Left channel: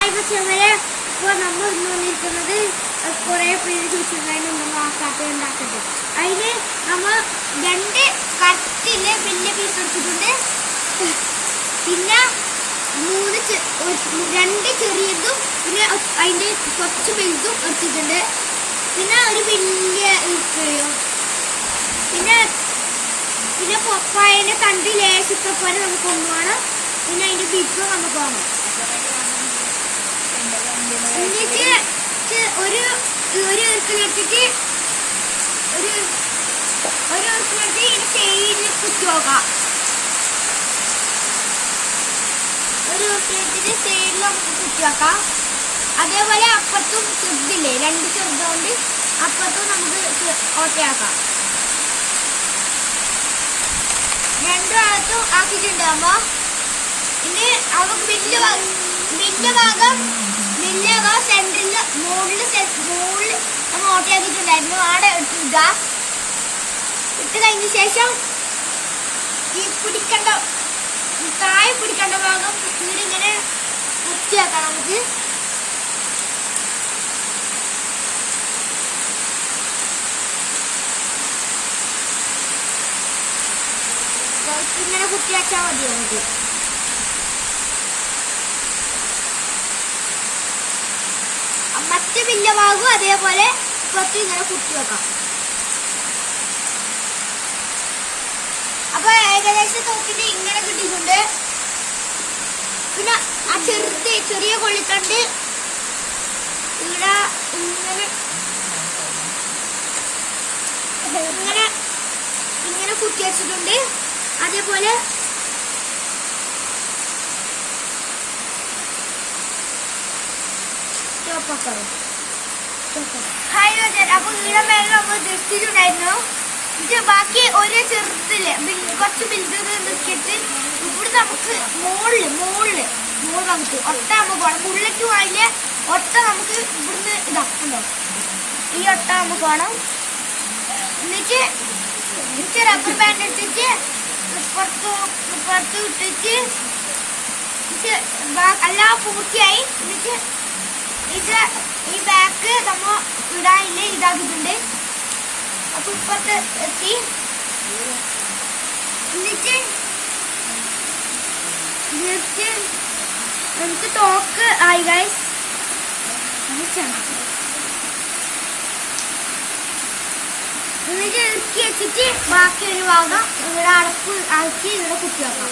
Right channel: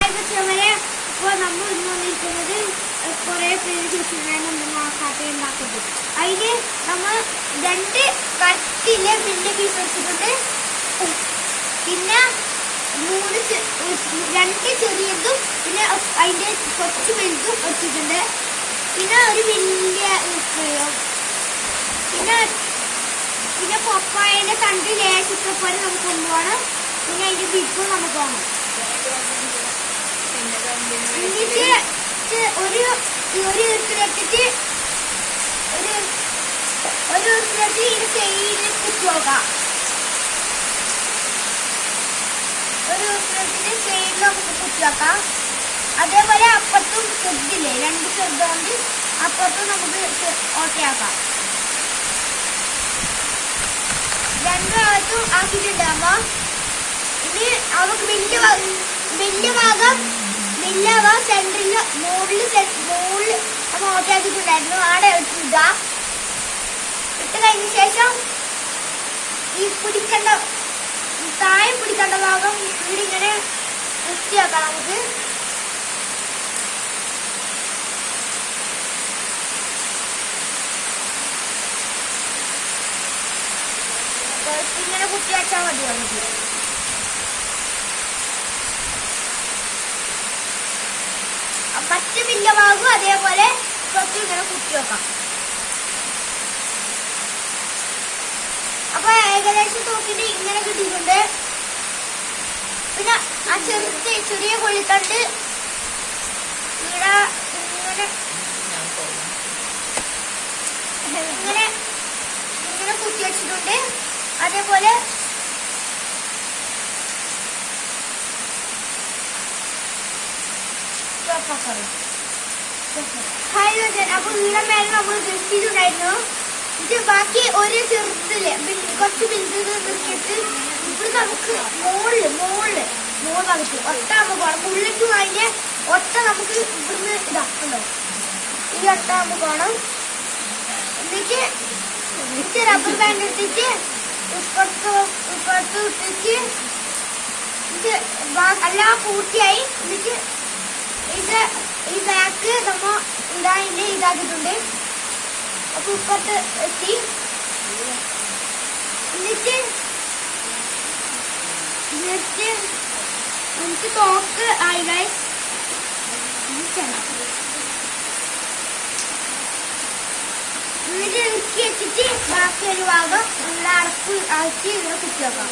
ഇപ്പോൾ നമ്മൾ ഇന്ന് വന്നിരിക്കുന്നത് കുറേ പേര് ചോദിച്ചിട്ടുണ്ടായിരുന്നു ആക്കാത്ത ഉണ്ടാക്കുന്നത്. അതിന് നമ്മൾ 2 കട്ടിലെ വലിയ പീസ് എടുത്തിട്ടുണ്ട്, പിന്നെ 2 ചെറിയതും പിന്നെ അതിൻ്റെ കുറച്ച് വലുതും എടുത്തിട്ടുണ്ട്, പിന്നെ ഒരു വലിയ പിന്നെ പിന്നെ പപ്പായൻ്റെ തണ്ട് ലേശത്തെ പോലെ നമുക്ക് കൊണ്ടുപോകണം. പിന്നെ അതിൻ്റെ ബിപ്പ് നമുക്ക് വാങ്ങണം. എന്നിട്ട് ഒരു ഈർക്കിലെടുത്തിട്ട് ഈ സൈഡിൽ കുത്തി നോക്കാം. ഒരു ഈർക്കിലെടുത്തിട്ട് സൈഡിൽ നമുക്ക് കുത്തി വെക്കാം. അതേപോലെ അപ്പുറത്തും ചെറുതില്ലേ, 2 ചെറുതുകൊണ്ട് അപ്പുറത്തും നമുക്ക് ഓട്ടയാക്കാം. 2 ഭാഗത്തും ആക്കിയിട്ടുണ്ടാകുമ്പോ ഇനി അവർക്ക് വലിയ ഭാഗം സെന്ററിൽ മുകളിൽ നമ്മൾ ഓട്ടയാക്കിയിട്ടുണ്ടായിരുന്നു. അവിടെ ഇട്ട കഴിഞ്ഞ ശേഷം ഈ താഴെ പിടിക്കേണ്ട ഭാഗം ഇങ്ങനെ വൃത്തിയാക്കാം. നമുക്ക് ഇങ്ങനെ കുത്തിയാച്ചാൽ മതി. നമുക്ക് മറ്റ് വലിയ ഭാഗവും അതേപോലെ പുറത്ത് ഇങ്ങനെ കുത്തി വെക്കാം. അപ്പൊ ഏകദേശം നോക്കിട്ട് ഇങ്ങനെ കിട്ടിയിട്ടുണ്ട്. പിന്നെ ആ ചെറിയ കൊള്ളിത്തണ്ട് ഇവിടെ ഇങ്ങനെ കുത്തി വെച്ചിട്ടുണ്ട്. അതേപോലെ അപ്പൊ ഇവിടെ മേലെ നമ്മൾ ദൃഷ്ടിയിട്ടുണ്ടായിരുന്നു. ഇത് ബാക്കി ഒരു ചെറുത്തില് കുറച്ച് ബിന്ദുകൾ നോക്കിയിട്ട് ഇവിടെ നമുക്ക് മോള് ഭാഗത്ത് ഒട്ട നമുക്ക് വേണം. പുള്ളിക്കും അതിന്റെ ഒട്ട നമുക്ക് ഇവിടുന്ന് ഇതാക്കണ്ടോ, ഈ ഒട്ട നമുക്ക് വേണം. എന്നിട്ട് റബ്ബർ ബാൻഡ് ഇട്ടിട്ട് ഇപ്പുറത്ത് ഇട്ടിട്ട് എല്ലാം പൂർത്തിയായി. എന്നിട്ട് ഈ ബാക്ക് നമ്മ ഇതാക്കിയിട്ടുണ്ട്. അപ്പൊ ഇപ്പുറത്ത് എത്തി. എന്നിട്ട് നമുക്ക് തോക്ക് ആയി ഗൈസ്. എന്നിട്ട് ഇറക്കി വെച്ചിട്ട് ബാക്കി ഒരു ഭാഗം ഇവിടെ അടപ്പ് ആക്കി ഇവിടെ കുത്തി വെക്കാം.